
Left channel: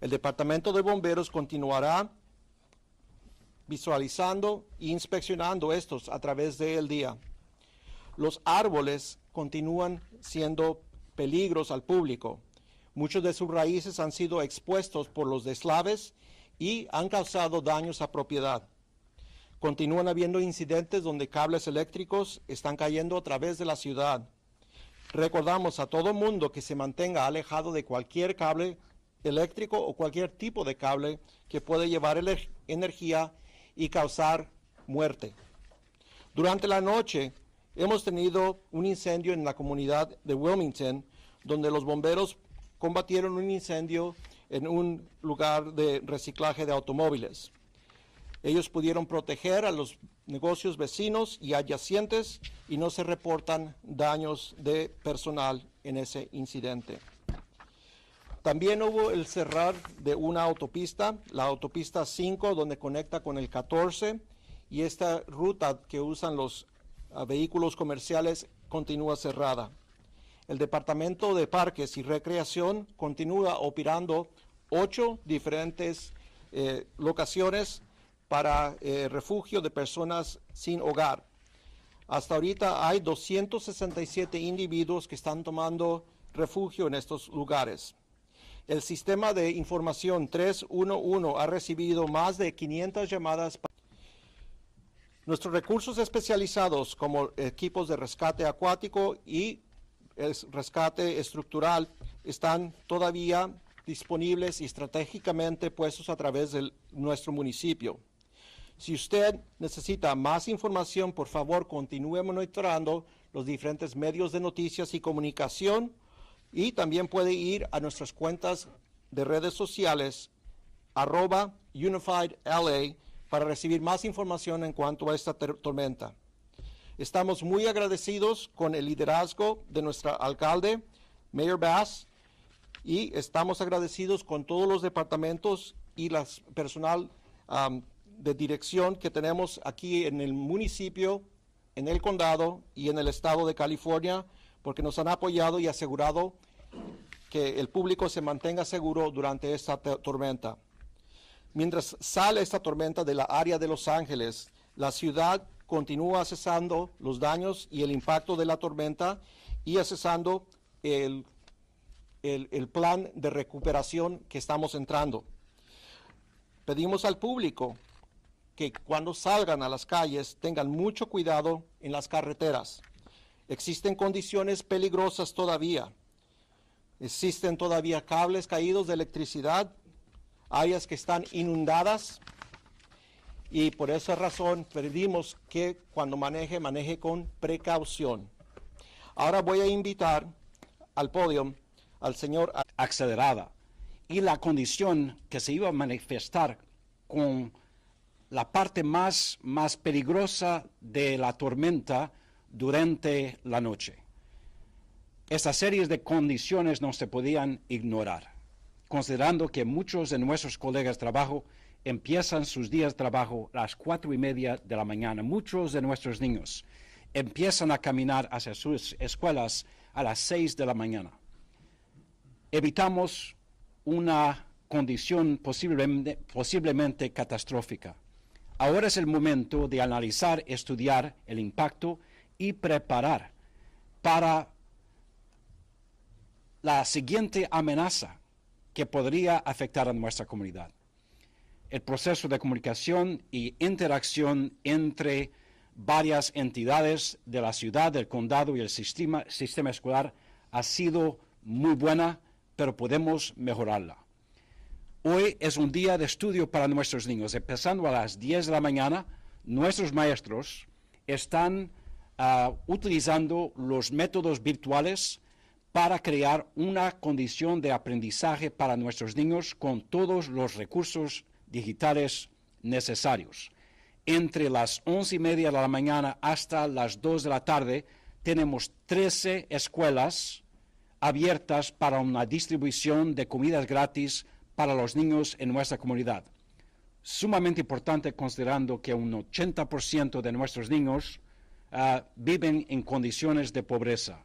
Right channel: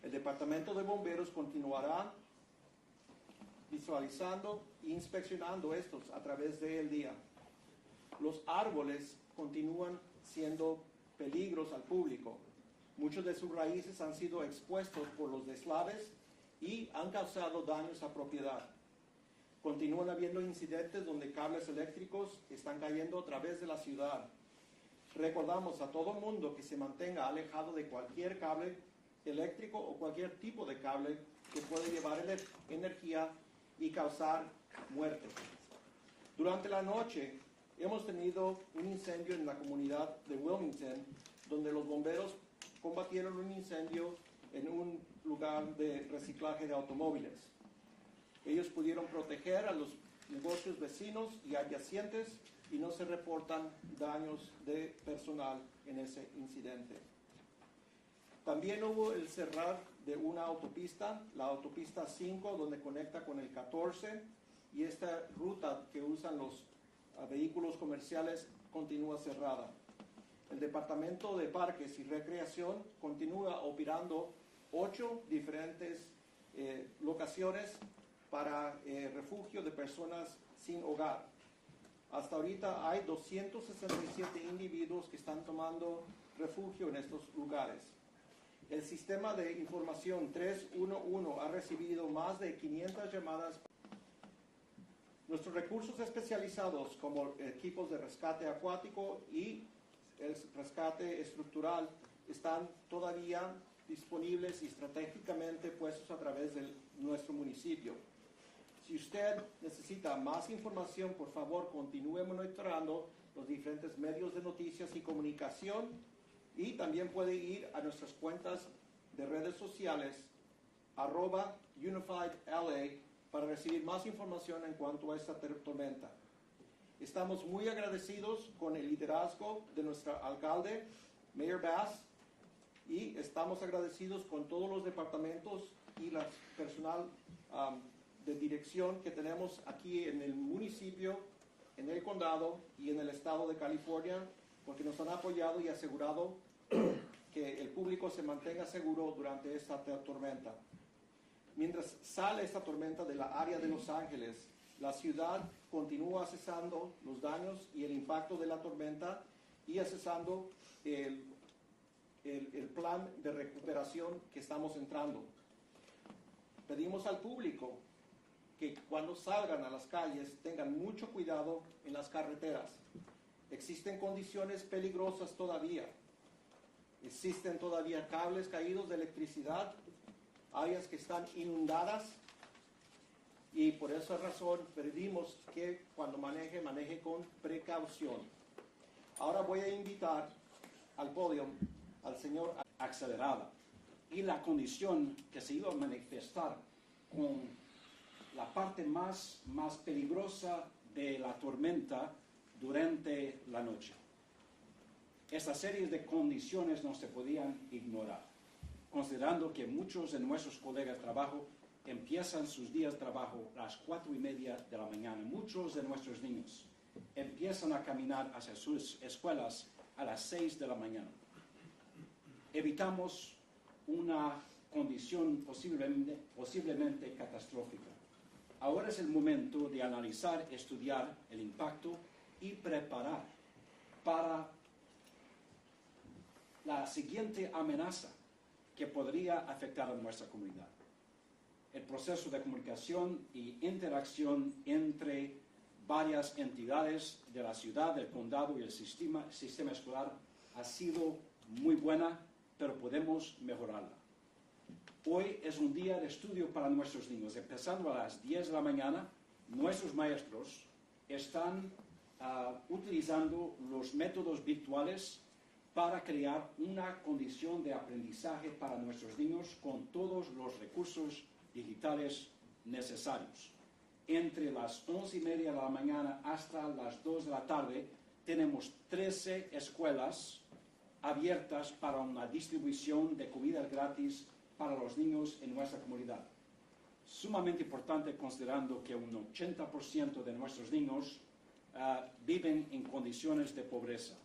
El Departamento de Bomberos continuará visualizando e inspeccionando estos a través del día. Los árboles continúan siendo peligros al público. Muchos de sus raíces han sido expuestos por los deslaves y han causado daños a propiedad. Continúan habiendo incidentes donde cables eléctricos están cayendo a través de la ciudad. Recordamos a todo mundo que se mantenga alejado de cualquier cable eléctrico o cualquier tipo de cable que puede llevar energía y causar muerte. Durante la noche hemos tenido un incendio en la comunidad de Wilmington, donde los bomberos combatieron un incendio en un lugar de reciclaje de automóviles. Ellos pudieron proteger a los negocios vecinos y adyacentes y no se reportan daños de personal en ese incidente. También hubo el cerrar de una autopista, la autopista 5, donde conecta con el 14, y esta ruta que usan los vehículos comerciales continúa cerrada. El Departamento de Parques y Recreación continúa operando 8 diferentes locaciones para refugio de personas sin hogar. Hasta ahorita hay 267 individuos que están tomando refugio en estos lugares. El sistema de información 311 ha recibido más de 500 llamadas. Nuestros recursos especializados como equipos de rescate acuático y el rescate estructural están todavía disponibles y estratégicamente puestos a través de nuestro municipio. Si usted necesita más información, por favor, continúe monitoreando los diferentes medios de noticias y comunicación y también puede ir a nuestras cuentas de redes sociales @UnifiedLA para recibir más información en cuanto a esta tormenta. Estamos muy agradecidos con el liderazgo de nuestro alcalde, Mayor Bass, y estamos agradecidos con todos los departamentos y el personal de dirección que tenemos aquí en el municipio, en el condado y en el estado de California, porque nos han apoyado y asegurado que el público se mantenga seguro durante esta tormenta. Mientras sale esta tormenta de la área de Los Ángeles, la ciudad continúa accesando los daños y el impacto de la tormenta y accesando el plan de recuperación que estamos entrando. Pedimos al público que cuando salgan a las calles tengan mucho cuidado en las carreteras. Existen condiciones peligrosas todavía. Existen todavía cables caídos de electricidad, áreas que están inundadas, y por esa razón pedimos que cuando maneje con precaución. Ahora voy a invitar al podio al señor acelerada y la condición que se iba a manifestar con la parte más peligrosa de la tormenta durante la noche. Estas series de condiciones no se podían ignorar, considerando que muchos de nuestros colegas de trabajo empiezan sus días de trabajo a las 4:30 de la mañana. Muchos de nuestros niños empiezan a caminar hacia sus escuelas a las 6 de la mañana. Evitamos una condición posiblemente catastrófica. Ahora es el momento de analizar, estudiar el impacto y preparar para la siguiente amenaza que podría afectar a nuestra comunidad. El proceso de comunicación y interacción entre varias entidades de la ciudad, del condado y el sistema escolar ha sido muy buena, pero podemos mejorarla. Hoy es un día de estudio para nuestros niños. Empezando a las 10 de la mañana, nuestros maestros están utilizando los métodos virtuales para crear una condición de aprendizaje para nuestros niños con todos los recursos digitales necesarios. Entre las 11:30 de la mañana hasta las 2 de la tarde, tenemos 13 escuelas abiertas para una distribución de comidas gratis para los niños en nuestra comunidad. Sumamente importante considerando que un 80% de nuestros niños viven en condiciones de pobreza.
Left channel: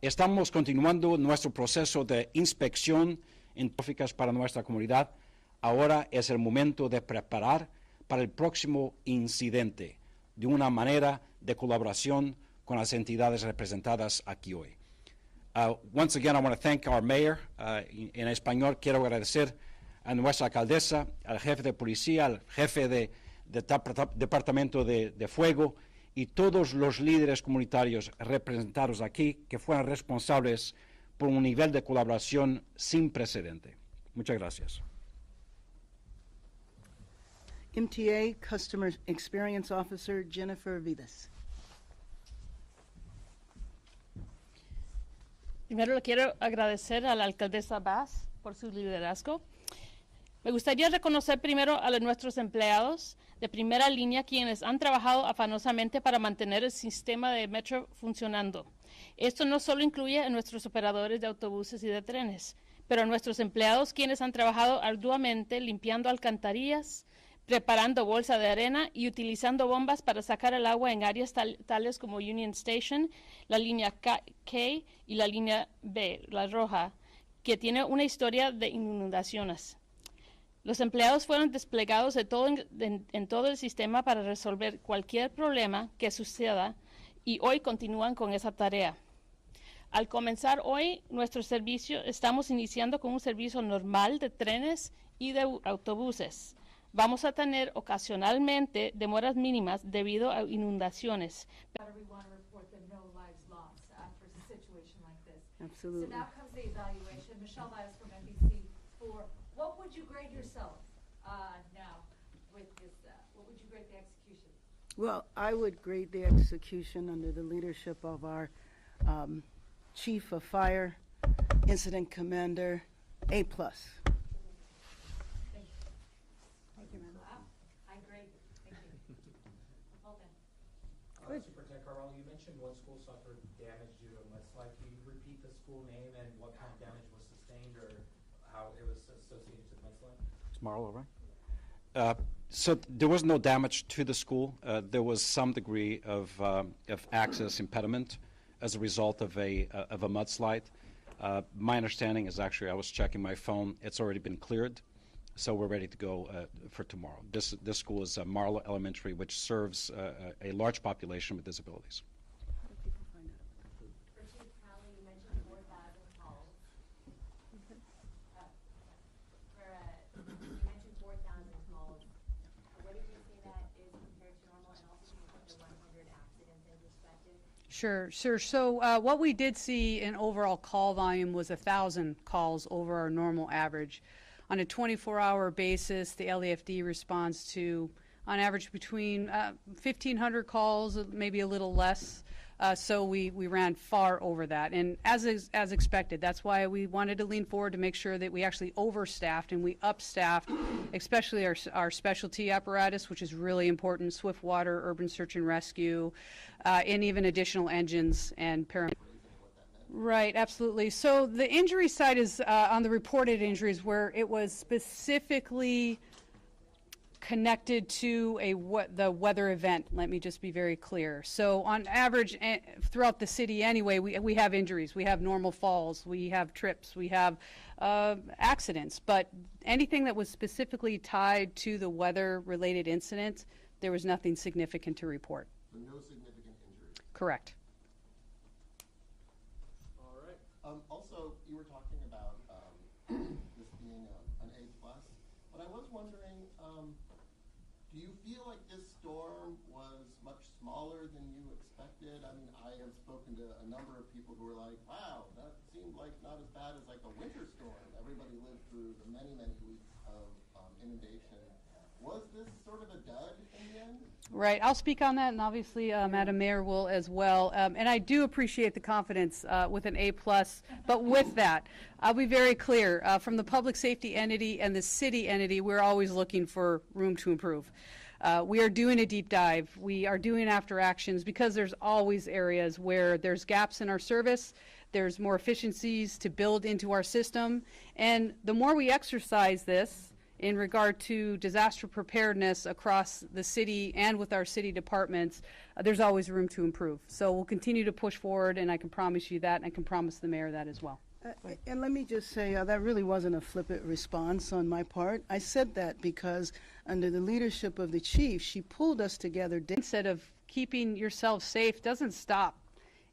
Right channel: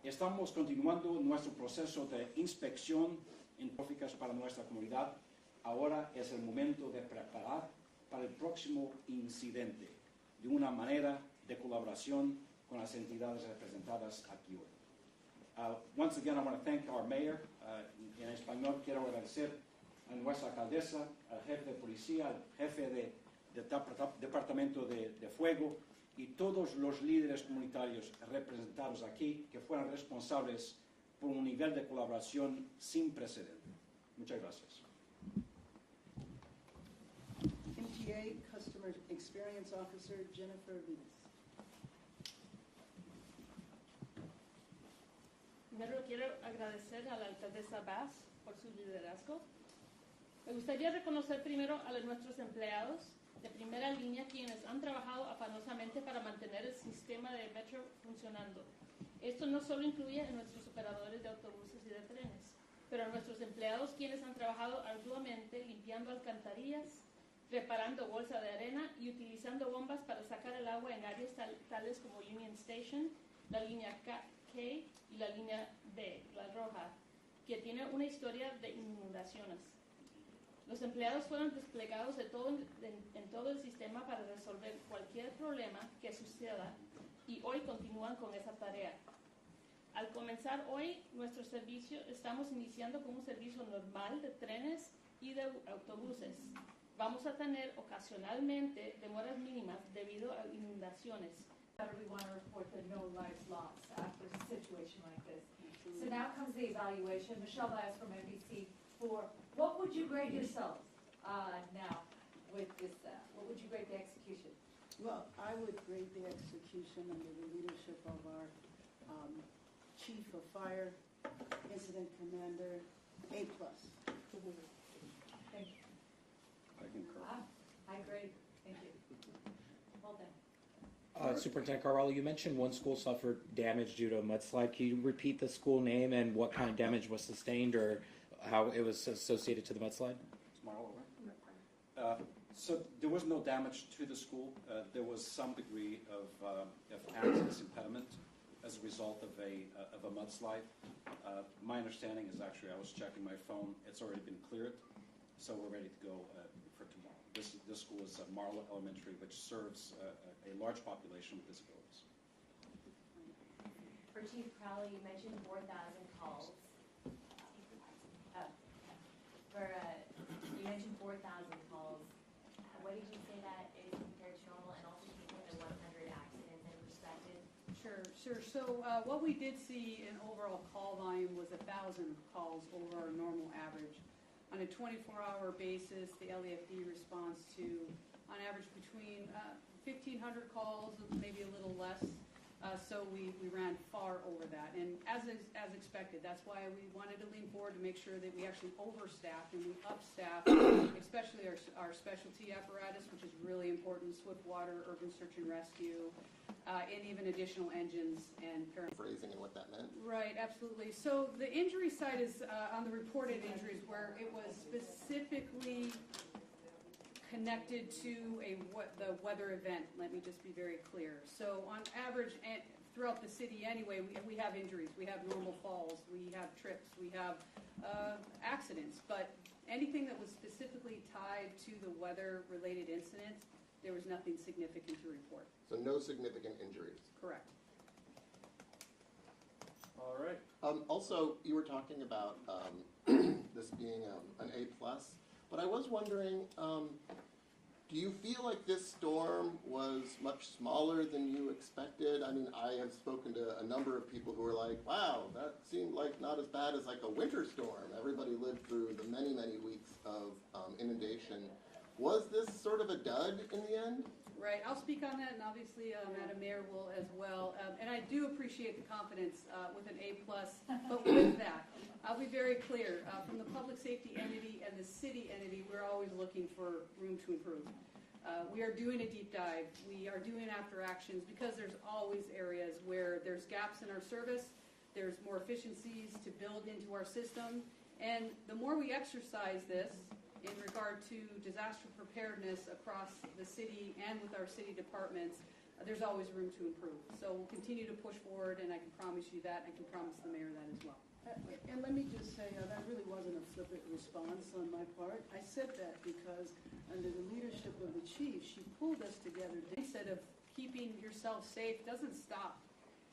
Estamos continuando nuestro proceso de inspección en tráficas para nuestra comunidad. Ahora es el momento de preparar para el próximo incidente de una manera de colaboración con las entidades representadas aquí hoy. Once again, I want to thank our mayor. En español, quiero agradecer a nuestra alcaldesa, al jefe de policía, al jefe de departamento de fuego y todos los líderes comunitarios representados aquí que fueron responsables por un nivel de colaboración sin precedente. Muchas gracias. MTA Customer Experience Officer Jennifer Vidas. Primero le quiero agradecer a la alcaldesa Bass por su liderazgo. Me gustaría reconocer primero a nuestros empleados de primera línea quienes han trabajado afanosamente para mantener el sistema de metro funcionando. Esto no solo incluye a nuestros operadores de autobuses y de trenes, pero a nuestros empleados quienes han trabajado arduamente limpiando alcantarillas, preparando bolsa de arena y utilizando bombas para sacar el agua en áreas tales como Union Station, la línea K y la línea B, la roja, que tiene una historia de inundaciones. Los empleados fueron desplegados en todo el sistema para resolver cualquier problema que suceda y hoy continúan con esa tarea. Al comenzar hoy nuestro servicio, estamos iniciando con un servicio normal de trenes y de autobuses. Vamos a tener ocasionalmente demoras mínimas debido a inundaciones. We want to report the no lives lost after a situation like this. Absolutely. So now comes the evaluation. Michelle Bias from NBC for what would you grade yourself now with this? What would you grade the execution? Well, I would grade the execution under the leadership of our Chief of Fire, Incident Commander, A+. Thank you. High grade. Thank you. Well done. Superintendent Carvalho, you mentioned one school suffered damage due to a mudslide. Can you repeat the school name and what kind of damage was sustained or how it was associated to the mudslide? Is Marlo right? So there was no damage to the school. There was some degree of access impediment as a result of a mudslide. My understanding is actually, I was checking my phone, it's already been cleared, so we're ready to go for tomorrow. This school is Marlo Elementary, which serves a large population with disabilities. For Chief Crowley, you mentioned 4,000 calls. You mentioned 4,000 calls. What did you say that is compared to normal? And also, can you put the 100 accidents in perspective? Sure. So what we did see in overall call volume was 1,000 calls over our normal average. On a 24-hour basis, the LAFD responds to, on average, between 1,500 calls, maybe a little less. So we ran far over that. And as expected, that's why we wanted to lean forward to make sure that we actually overstaffed and we upstaffed, especially our specialty apparatus, which is really important, swift water, urban search and rescue, and even additional engines and paramedics. Right, absolutely. So the injury side is on the reported injuries where it was specifically connected to the weather event. Let me just be very clear. So on average, throughout the city anyway, we have injuries. We have normal falls. We have trips. We have accidents. But anything that was specifically tied to the weather-related incidents, there was nothing significant to report. So no significant injuries? Correct. Also, you were talking about this being an A+, but I was wondering, do you feel like this storm was much smaller than you expected? I mean, I have spoken to a number of people who were like, wow, that seemed like not as bad as like a winter storm. Everybody lived through the many, many weeks of inundation. Was this sort of a dud in the end? Right, I'll speak on that, and obviously Madam Mayor will as well. And I do appreciate the confidence with an A+, but with that, I'll be very clear. From the public safety entity and the city entity, we're always looking for room to improve. We are doing a deep dive. We are doing after actions because there's always areas where there's gaps in our service, there's more efficiencies to build into our system, and the more we exercise this, in regard to disaster preparedness across the city and with our city departments, there's always room to improve. So we'll continue to push forward, and I can promise you that, and I can promise the mayor that as well. And let me just say, that really wasn't a flippant response on my part. I said that because under the leadership of the chief, she pulled us together. Instead of keeping yourself safe doesn't stop.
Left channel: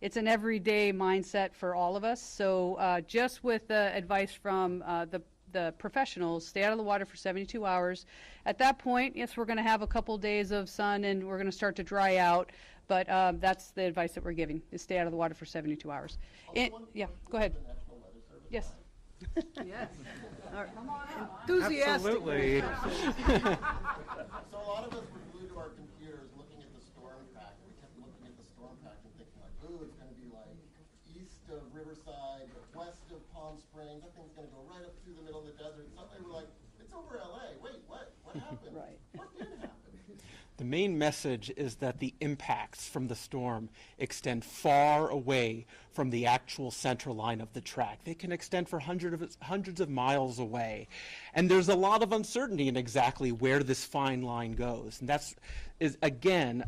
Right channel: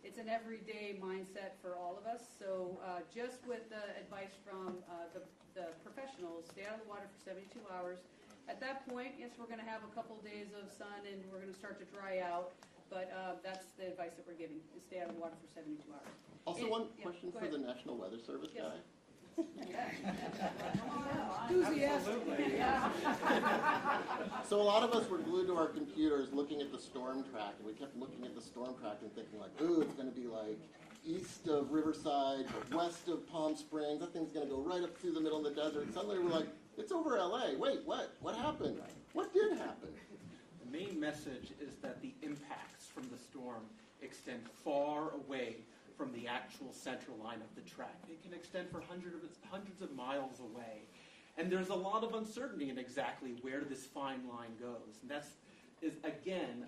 It's an everyday mindset for all of us. So just with advice from the professionals, stay out of the water for 72 hours. At that point, yes, we're going to have a couple days of sun and we're going to start to dry out, but that's the advice that we're giving, is stay out of the water for 72 hours. Also, one yeah, question go ahead. for the National Weather Service Yes. guy. Enthusiastic. So a lot of us were glued to our computers looking at the storm track, and we kept looking at the storm track and thinking like, ooh, it's going to be like east of Riverside, west of Palm Springs. That thing's going to go right up through the middle of the desert. Suddenly we're like, it's over LA. Wait, what? What happened? What did happen? The main message is that the impacts from the storm extend far away from the actual center line of the track. They can extend for hundreds of miles away. And there's a lot of uncertainty in exactly where this fine line goes. And that's, again,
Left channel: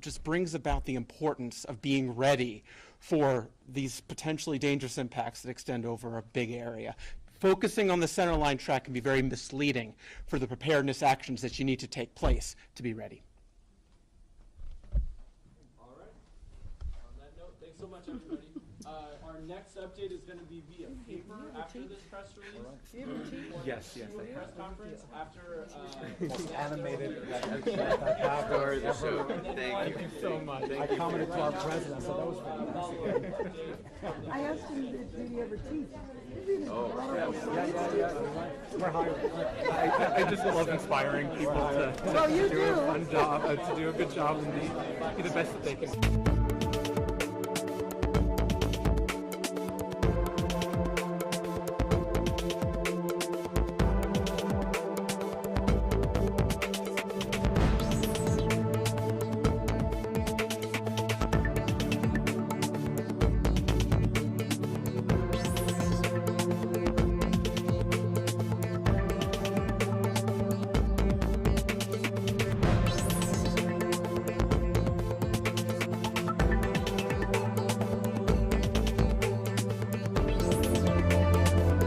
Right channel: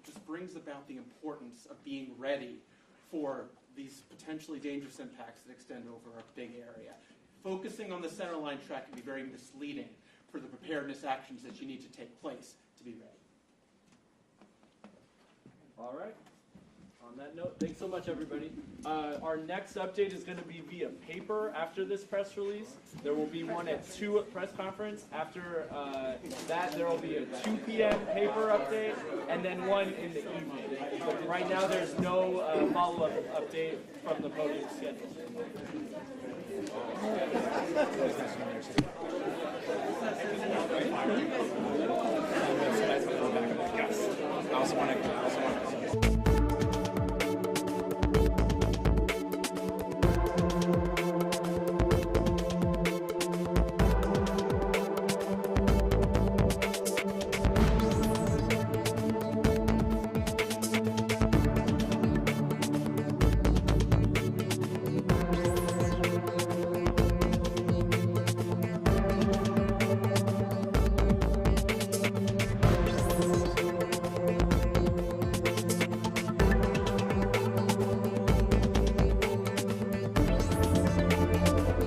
just brings about the importance of being ready for these potentially dangerous impacts that extend over a big area. Focusing on the center line track can be very misleading for the preparedness actions that you need to take place to be ready. All right. On that note, thanks so much, everybody. Our next update is going to be via paper after this press release. There will be one at 2 at press conference. After that, there will be a 2 p.m. paper update, and then one in the evening. Right now, there's no follow-up update from the voting schedule. I just love inspiring people to do my job. It's a good job and also want to do the best they can.